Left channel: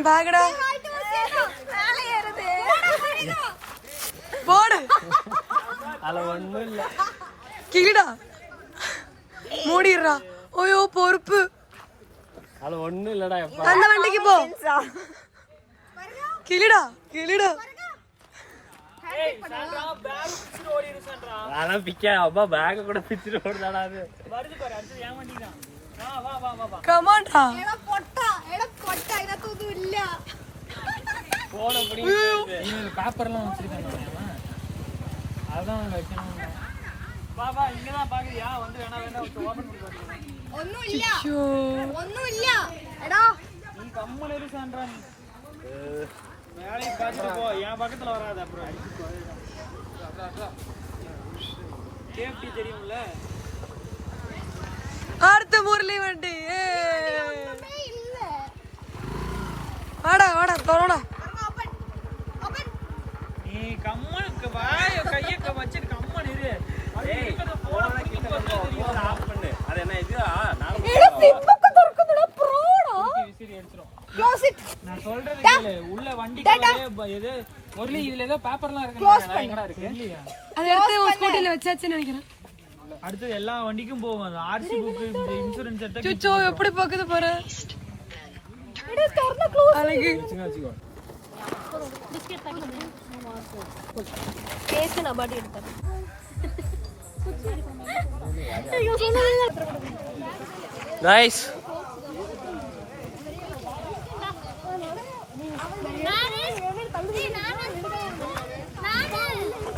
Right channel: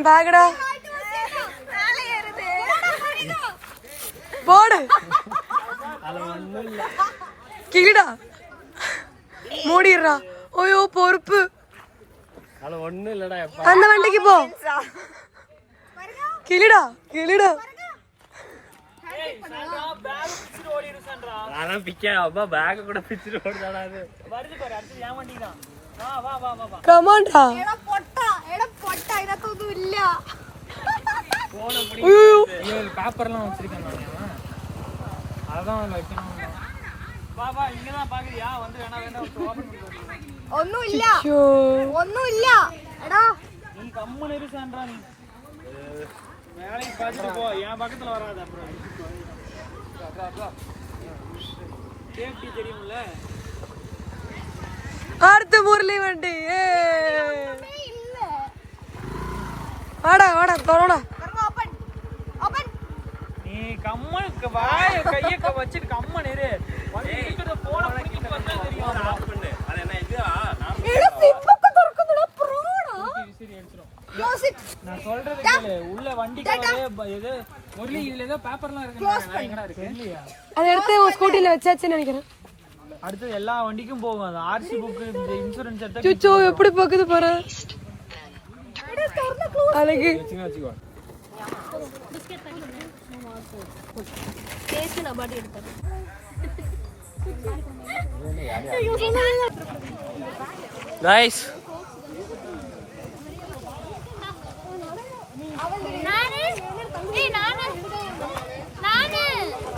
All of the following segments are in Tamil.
என் பேக்கடா போடு கிளிடா மூடிடுறா. ஓயோ பொறுப்பு. அந்த வண்டிக்கு போ. கிளிடா கிளிடா கமாண்டா பேப்பர்லாம் வச்சிருக்காங்க. அதான் வைக்கணும். பாபா இங்கதான் பாக்குறியா? வந்து வேணா ஒண்ணும் இல்ல. எடா நீ கம்முனு இரு சான்றா. நீ வேலையை பார்த்துட்டு போ. என் பக்கத்துல வராது. அப்புறம் சேஃப்டி தெரியும்ல. அடுத்த முரளி வண்டி. வாடா வாடா தோடா. நீ கம்முனுக்கு வாய கைய வச்சு கம்மன் இரு. வண்டிக்குள்ள போட பண்ணிட்டு வந்தா தெரியும். ஆஃப் பண்ணு. அது என்ன இது? விசிறி அடிச்சிரும். நான் சொல்றது உள்ள வண்டிக்குள்ள இது ஒருல இதுல ஏதோ பேப்பர்லாம் இருக்கு. எங்கடா இருக்கு? அதை எடுத்து உன் ஸ்கூட்டில வச்சாச்சுன்னு நினைக்கிறேன். அடுத்து எல்லா வண்டிக்கும் போகும். அந்த ஆர்சி புக், இன்சூரன்ஸ் எடுத்து சுச்சோ எப்படி போகுது பாரு. அழகு வச்சுக்கோ. பிஸ்கட் பாக்கெட் கேஸ் நான் பாடி எடுத்தேன். गाइस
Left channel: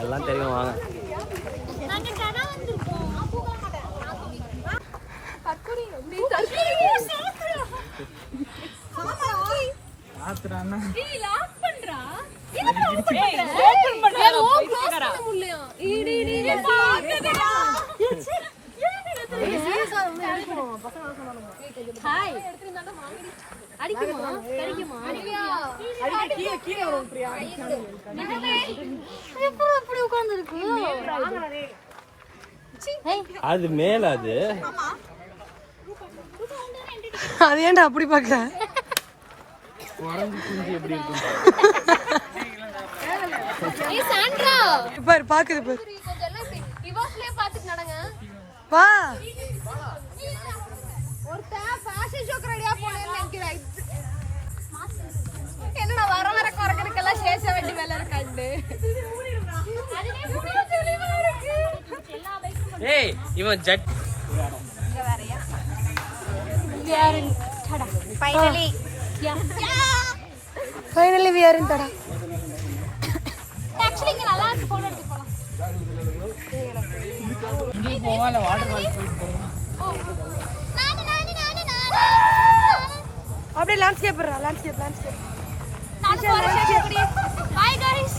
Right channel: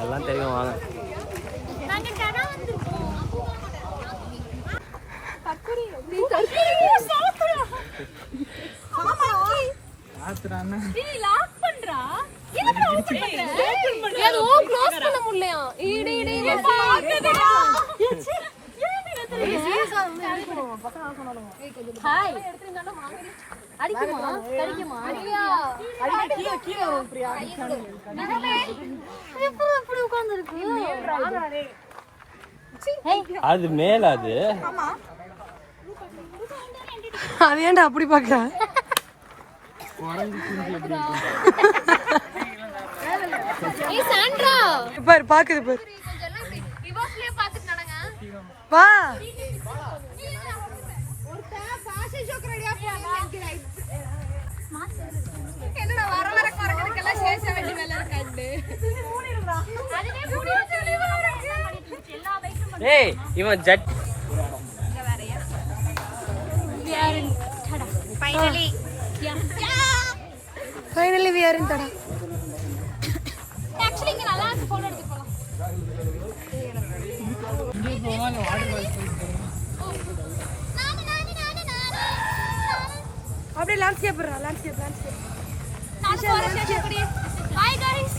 எல்லாம் தெரியும் வாங்க. நாங்க கடை வந்திருக்கோம். கக்குரி நீ ஆத்ரானா நீ லாக் பண்றா. என்ன ஓபன் பண்ற? ஏன் ஓ க்ளோஸ் பண்ண முடியலையா? ஈடி பாக்குடா. ஹாய் அடிக்குமா? கடிக்குமா? அடியா கீழ வரும் பிரியா. எப்போ அப்படி உட்கார்ந்து இருக்கு? அது மேல அது அது ஏன்டா அப்படி பாக்குற? உறங்கி குஞ்சு எப்படி இருக்கு? ஏய் சாண்ட்ரா பாரு பாக்குது பாரு. இவாஸ்லயே பாத்துட்டு நடங்க. வா ஒரு ஃபேஷன் ஷோக்கு ரெடியா போறேன்னு நினைக்கிறேன். என்னடா வர வர குறக்கிறதுக்கெல்லாம் சேஷ வண்டி வேலை இருக்காண்டு. அதுவே முடிய சொல்லி வரக்கு எல்லா பைக்கும். ஏய் இவன் Z finally we are in Tada. Actually இங்க நல்லா இருக்கு. போட்டோ எடுத்து போலாம். இங்க போவால வாட்டர் பால் போறோம். அப்படியே லேண்ட்ஸ்கேப் லேண்ட்ஸ்கேப் நான் போறேன். By guys.